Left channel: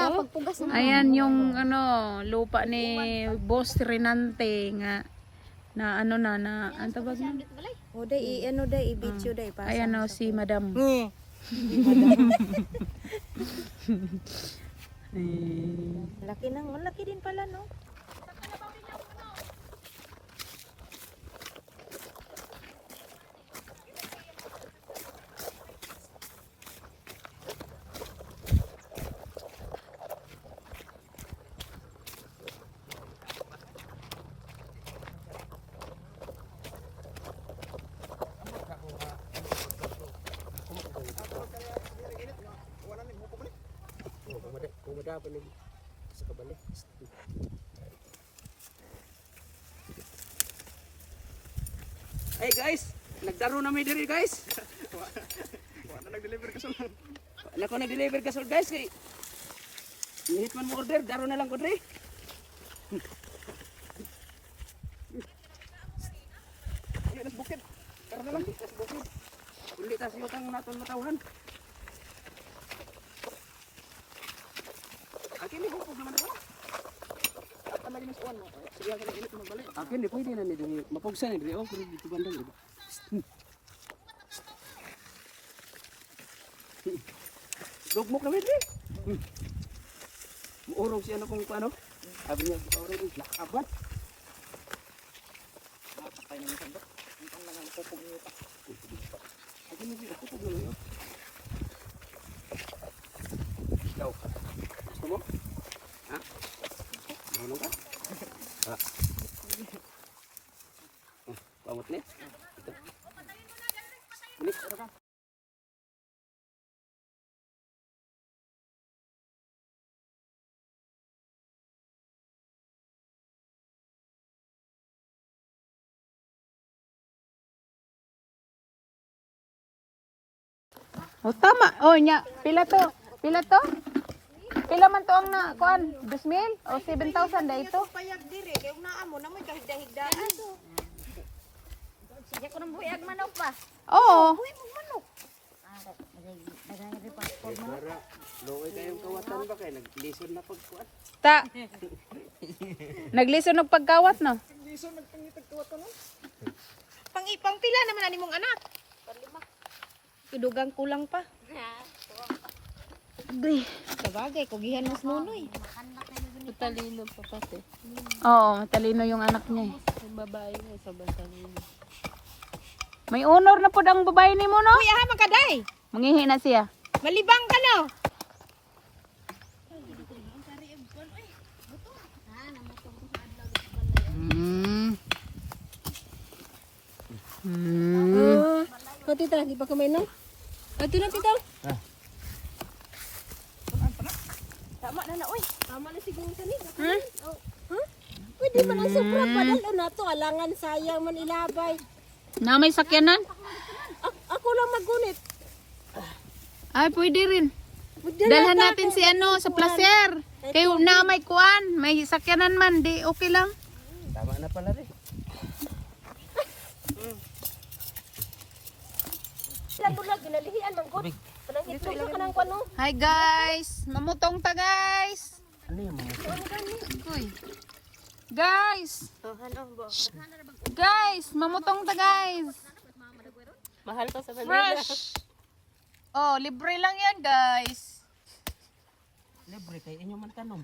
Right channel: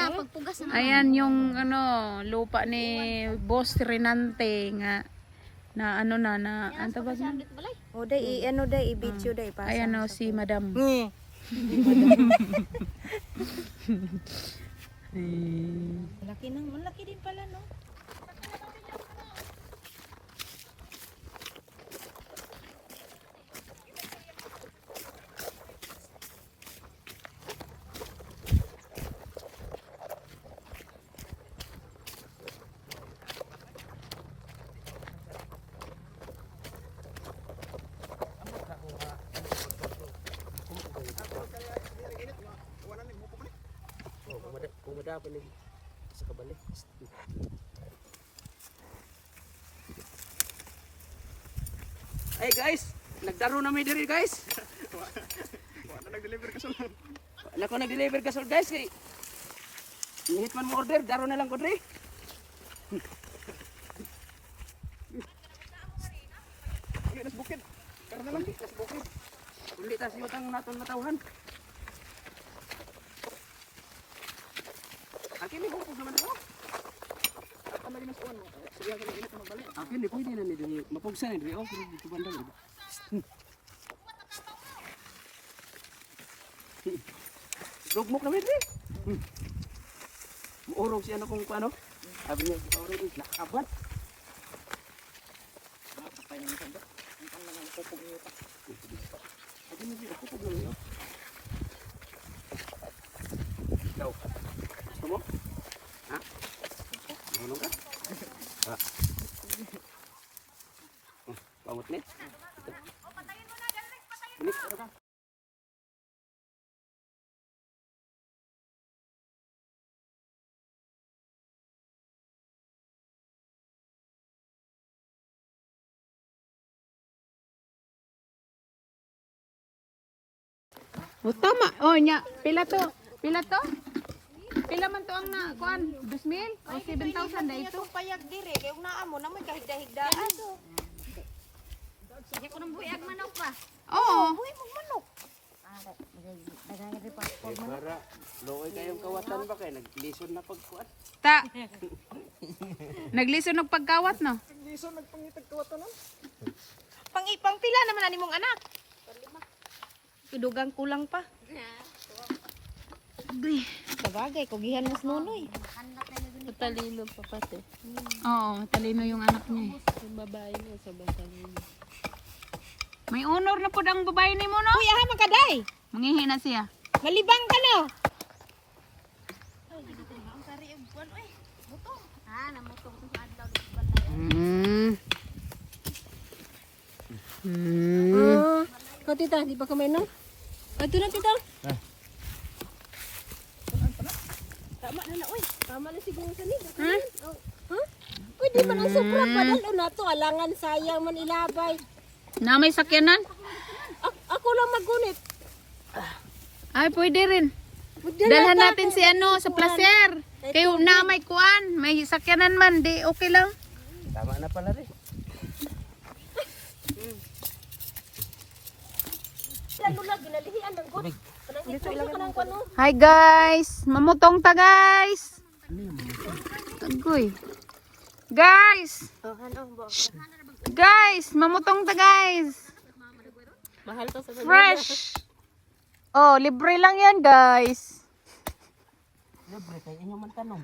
Mamaya pagpugas na. Ayan yung ano, lupa ni Boss Renante nga na ano na ang tawag na. O day ano day i-video day pa. Ayan o si Madam. Laki nang malaki din pala no. Pumada pa lagi sa kabalik. Hey guys, nagdaro na may diri guys. Wala nag-deliver kasol. Wala ko nag-deliver kasol guys kay nihit man mo order, daro na lang ko diri. Nas bukid. Tara na lang nas bukid. Uli tas yutang naton matawhan. Akin ni bukog naman ako. Apa lagi mas uwan mo? Siya ka init magbalik. Akin di pwede na ni diri. Mapugsa ni diri oh, pero dito bandang iba. Lugmok na diri. Muurog siya na kung paano. Sabi niya, "Urog is lakabat." Makapay na niya ba? Ang lang ang pupog niya pa. Akin ni pupog na niya. Ikaw. Gusto mo? Ha? Marunong ka? Ha? Pamot ni? Ito. Bilik, ano ka? O tama. O nya, pila to? Pila to? Pila man to ang na kuan? 2,000 o 7,000 da ito? Payag diri kay naa mo na may kahigda-higdaan. Sige ko nang buyag manok pa. Oo. Buhay mo manok. Para loy kayong kawatan ba kay naglison na pagkuan. Ta. Naglison og pagkawat no. Naglison nagpangitag kawatan no. Pang pila naman ani mong anak. Panlima. Idugang kulang pa. Agay. Sabagay kugihan mas nunoy. Matalino pa pati. Oo, talino yung anak niya. Yung babae niya sa batalino. May honor na pud ang babae nimo no. Kuya ha makaday. Mangihi na siya. Malibang ka no. Oh, tita, di ba kamay no? Ito na, tita. Tama na oy. Tama na siguro kani. Pwede man ang sobra pa dalo na to. Alangan sayang man ilabay. Na may sakyanan? Ako lang magunit. Ay, pwede rin. Dalhan natin si ano sa placer. Kayo na may kuan, may sakyanan man, di okay lang. Tama na pala rin. Lalo lang ginalihian man ko. Kanang hito sa kanang kuno. Hi guys, mamutong ta guys. Ano yung mga? Agoy. Guys. Guys, mamutong ta guys. Mahal ka sa Fresh. Oh, libre lang yan guys. Libre kay inyo man tanong.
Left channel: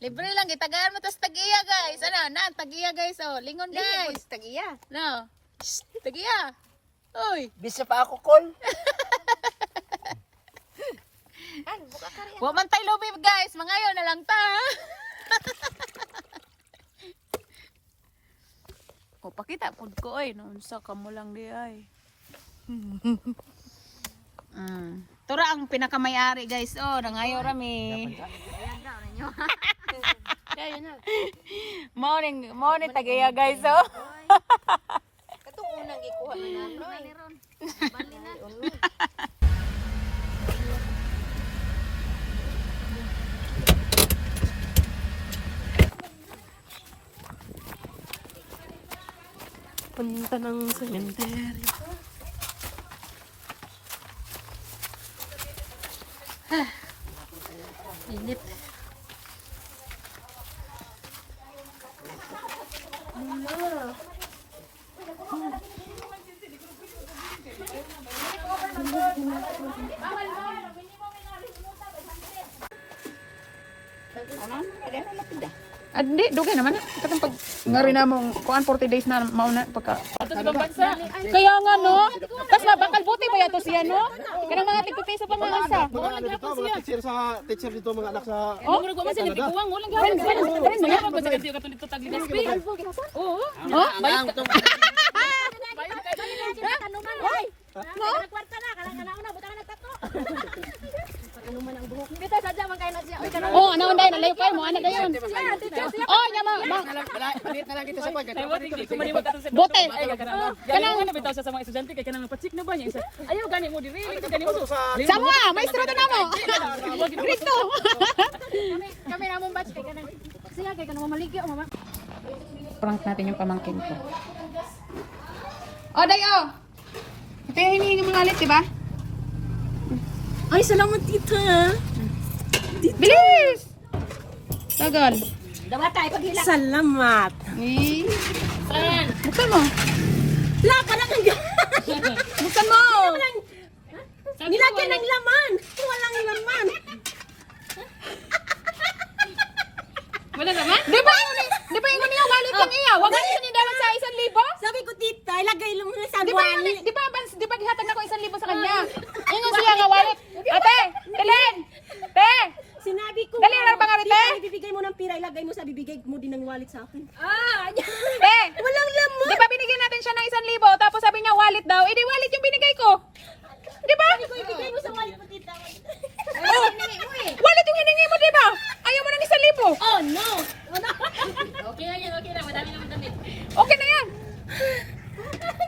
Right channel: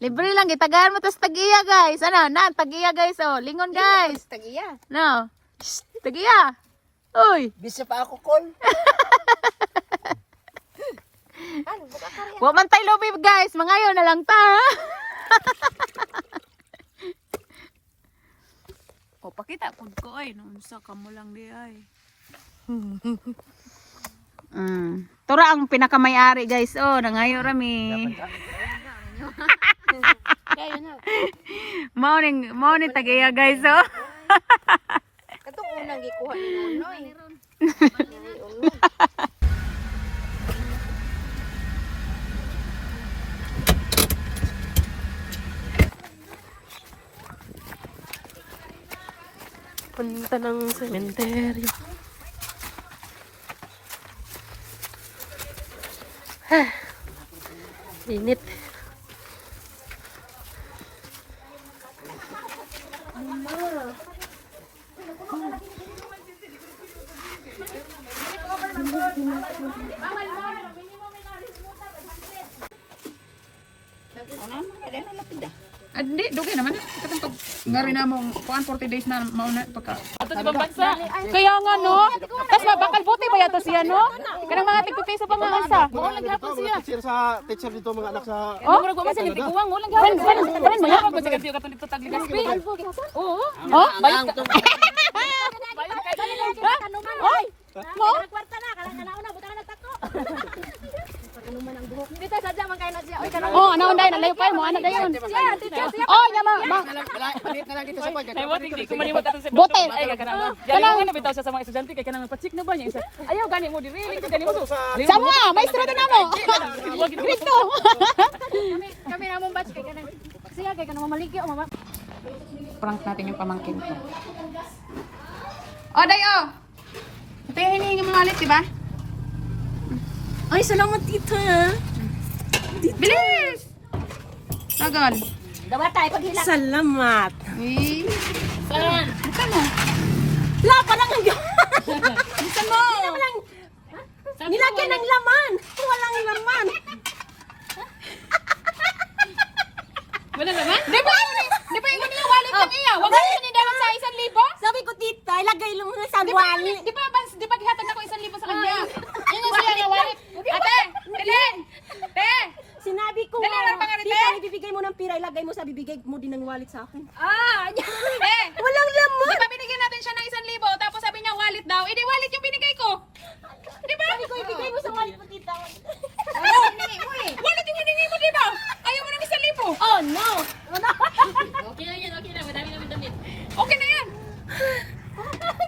Libre lang, gitagaan mo tas tagiya guys. Ano, na, tagiya guys. Oh, lingon guys. Tagiya. No. Shh, tagiya. Uy. Bisa pa ako call. Wa man tayo lobby guys. Mangayo na lang ta. O, pakita pud ko ay. Unsa ka mo lang di ay. Tura ang pinakamayari guys. Oh, nangayo rami. Kayo na. Mao ni tagiya guys. Oh. Katong unang gikuha ni Ron. Punta ng sementeryo. Init. Hindi, dugay naman. Katong pag ngari na mong kuan 40 days na mauna pagka. Kaya nga no. Tas na bakal buti ba yato siya no? Kanang mga tigpiso pa mga asa. Teacher sa teacher dito mga anak sa Oh, murag wa man sila tiguwang, walang gawin. Kanin mo ya pag dito katon dito tagligas. Oo. Oh, bayad ka. Oy. Mo? Kwarta na, kalang na, buta ka nagtako. Pagkanuman ang buhok. Dito sadya man kay na siya. Oy, kanang. Oh, naon dai nalayo kay mo ana dayon. Oh, nya ma. palit na lang dito sa pag. Bote. Kanang na bitaw siya sa mga estudyante kay kanang pa-check na ba niya isa. Ayaw gani mo diri, gani mo. Sama, maestro to namo. Grito. Kami na mong batch kay kanang. Siya kay kanang mamaligyo mama. Prank natin yung pamangkin ko. Oh, day oh. Ito yung hinihingi mo ulit, diba? Ay, salamat tita. Bilis! Tagal. Dapat tayo paghila. Salamat. Eh. Buksan mo. La, parang ang Buksan mo. nilagyan ng laman. Walang laman. Wala naman? Di ba yung niya wallet ng iya? Wag mo sinidawag sa 1,000? Sabi ko tita, ilagay lang mo sa wali. Di ba gihatag na ko 1,000 sa kanya? Yun yung siya nga wallet. Ate! Dali! Te! Sinabi ko. Dali lang pangarite. Tita, ibibigay mo ng pira, ilagay mo sa bibigay mo din ng wallet sa akin. Te! Walang laman. Di ba binigyan natin siya ng 1,000 tapos sabi niya wallet daw? Eh di wallet yung binigay ko. Di ba? Sabi ko, ibigay mo sa wallet mo tita. Wallet yung hiningi mo, di ba? Ayaw mo ng 1,000. Oh no. Okay na, madami naman damit. Okay na yan.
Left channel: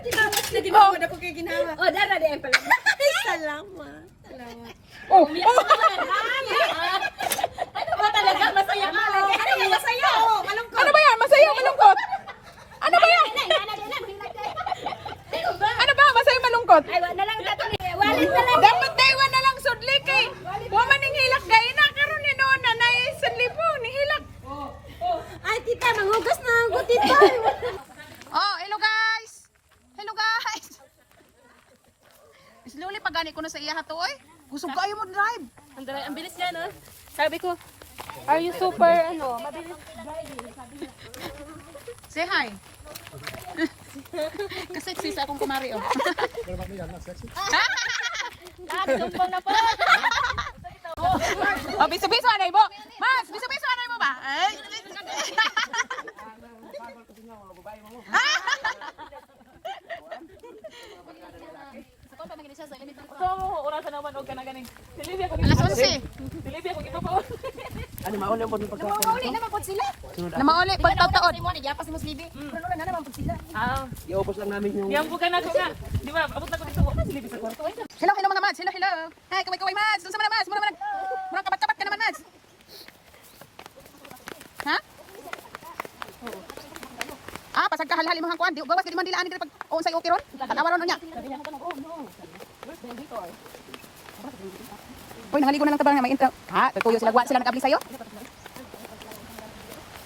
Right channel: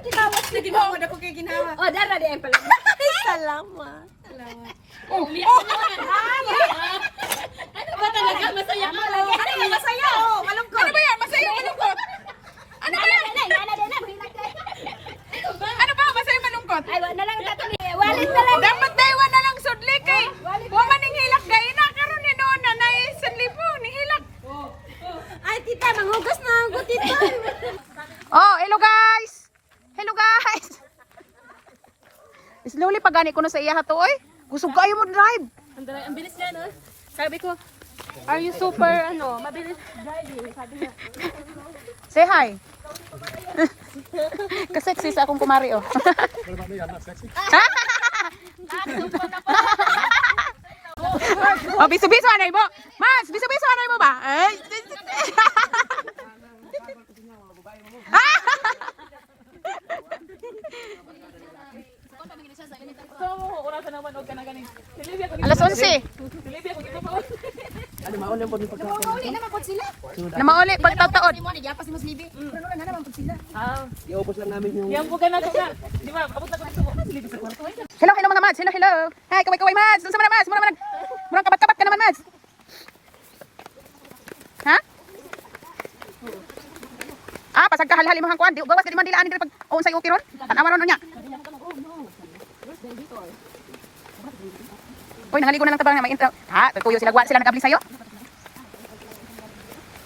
Ginawas na ginawa na ko kay ginawa. Oh, dara di pala. Salamat. Oh, Ano ba talaga? Masaya ka lagi. Ano yung masaya? Oh, malungkot. ano ba yan? Masaya o malungkot? Ano ba yan? Ano ba? Masaya malungkot? Ay, wala na lang tatong wallet na lang. Dapat daywan na lang sudlik eh. Woman ning hilak gay na karon ni Nona na 1,000 ning hilak. Ay, tita, manghugas na ako, tita. Oh, hello guys. Hello guys. Slowly pagani ko na sa iya to oy. Gusto kayo mo drive. Ang bilis niya, no? Sabi ko, are you super, mabilis? Say hi. Kaseksi sa akong kumari oh. Oh, bisu-bisu anay mo. Mas, bisu-bisu anay mo ba? Ay. Orasan naman, huwag ka na ganing. Silivia ko, Alas 11. Silivia ko, iba pa. Ano maon yung pag Uli naman po sila. Na mauli pagtaon. Mo, nagyapas si Mas Libi. Pero na naman po sila. iubos lang namin yung Yan po ka na ko nga. Di ba, abot na ko dito. Silivia sa kwarto. Hello, hello mga mads. Hello, hello. Hi, kaway-kaway mads. Doon sa mga mads. Murang kabat-kabat ka naman mads. Ha? Ah, pasag ka halhali mo hang kuan. Di gawas kadi man dilaan diri pag unsay uti ron. Tanawan ron nya. Uy, nahaligo na lang tabang na may intro. Ha, tuyo sila guwan sila nagabli sayo.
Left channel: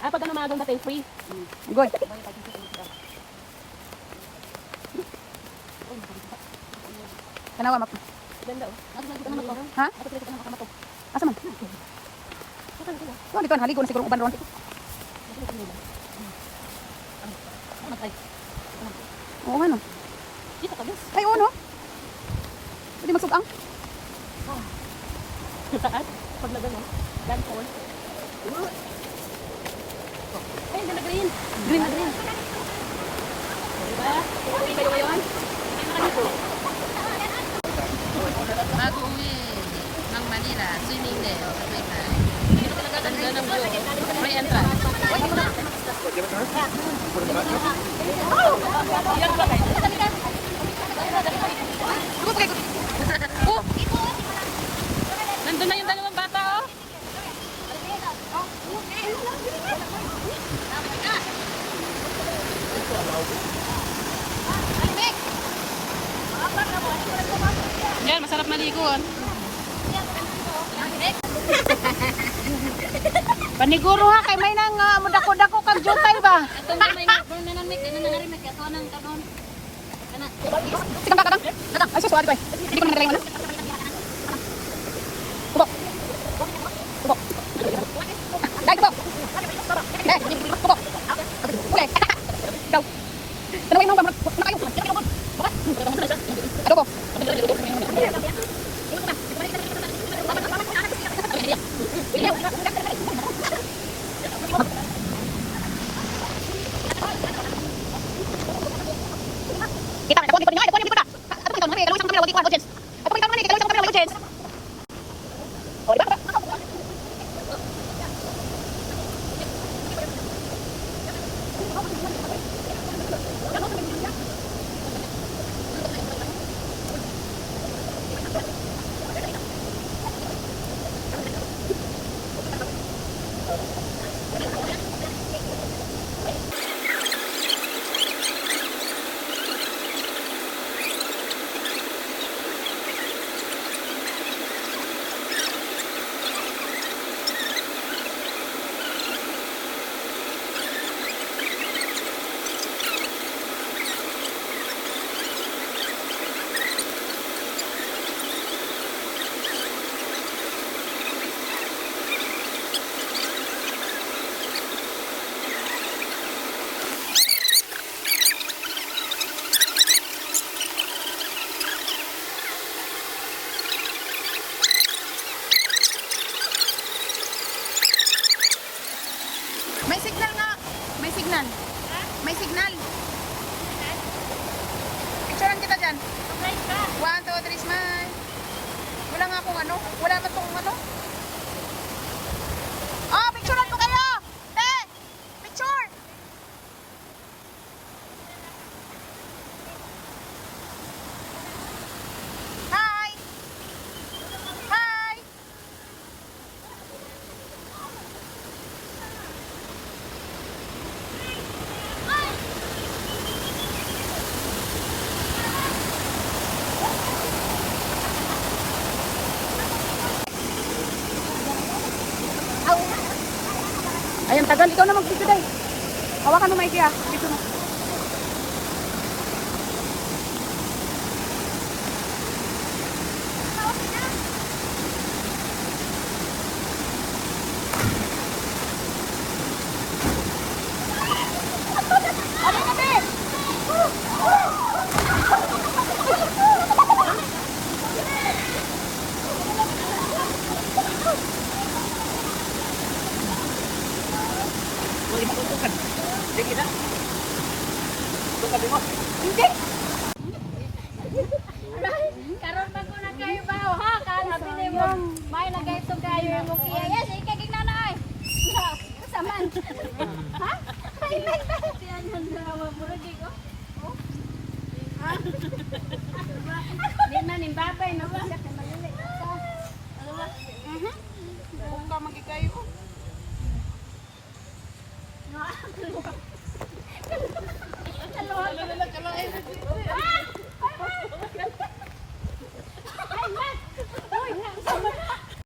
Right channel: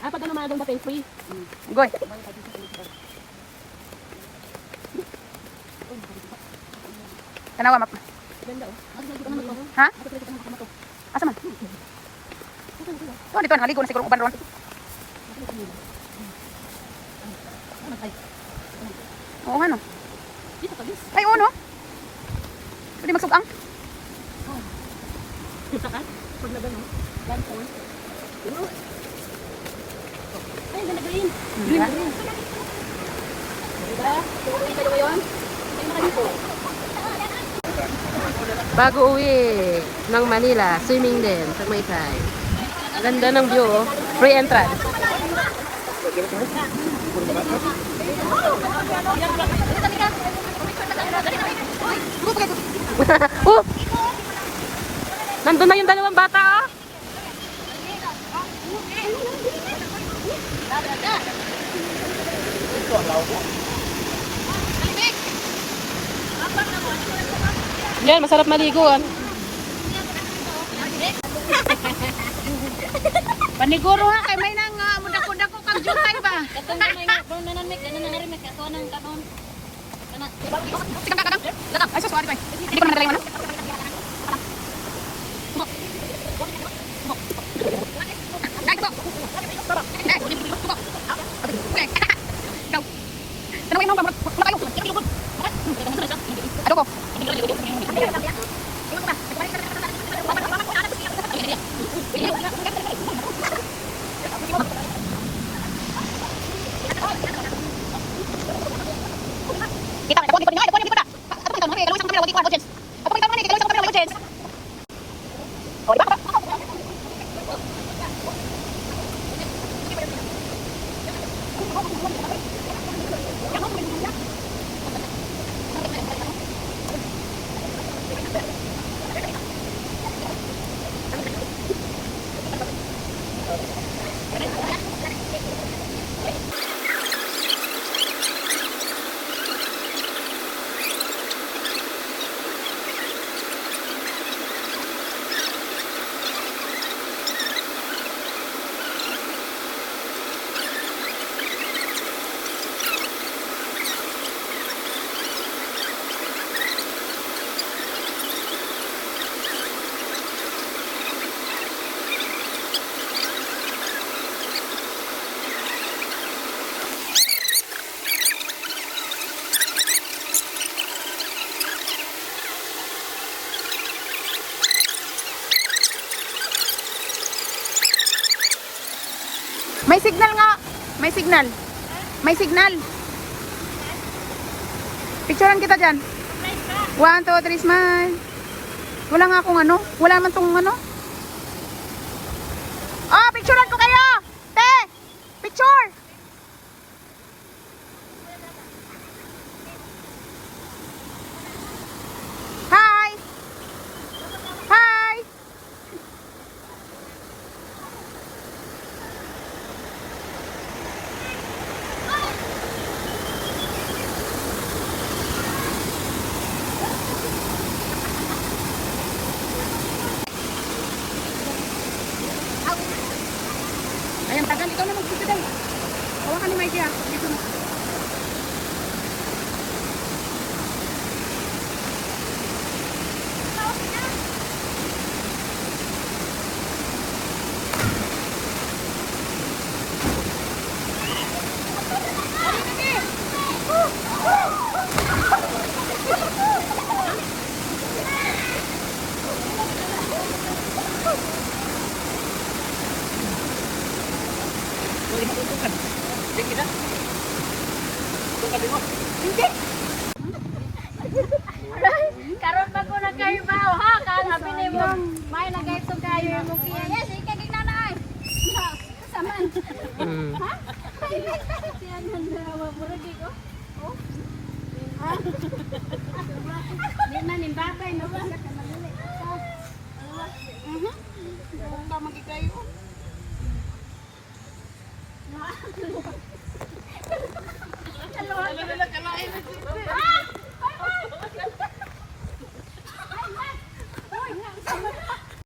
Pag ano mga doon natin, free. Good. Tanawa map. Ha? Asa man? Oh, dito nahaligo na siguro uban ron. Oo nga no. Ay, oo no. Pwede magsubang. Saan? Pag na doon, land phone. Ay, ganda green. Green. Diba? Uwi kayo ngayon? Bago uwi ng Manila, swimming din sa Maytay. Ganda ng view, oh. Free entrance. Nandun na yung dalawang bata, oh. Yan, masarap maliguan. Paniguro ha, kay may nang mudako-dako kag jutay ba? Katong gamay nga, bro, nanamik, nananarimik, ako nang kanon. Kana. Tikang kakadang. Datang. Ay, sus, sorry, bay. Hindi ko naman nagaling ano. Tubok. Tubok. Dahil tubok. Tubok. Okay. Ikaw. Tanawin mo ba? Makayo. Adobo. May signal nga. May signal. May signal. Picturean kita dyan. 1, 2, 3, smile. Wala nga akong ano. Wala man tong ano. Oh, picturean ko kayo. Te! Picture! Hi! Hi! Ayan, tagal. Ikaw na mag-video tayo. Hawakan mo, Mikey, ah. Dito na. Karon pa ko na kayo ba ha? Kana pili mo. May nagaito kayo mo kiya. Yes, ikagig na na. Saman. Ha? Tiyan handawa mo rin ko. Oh. Ha? Di man imbabay no ba sa malili. Mhm. Ka magikayo.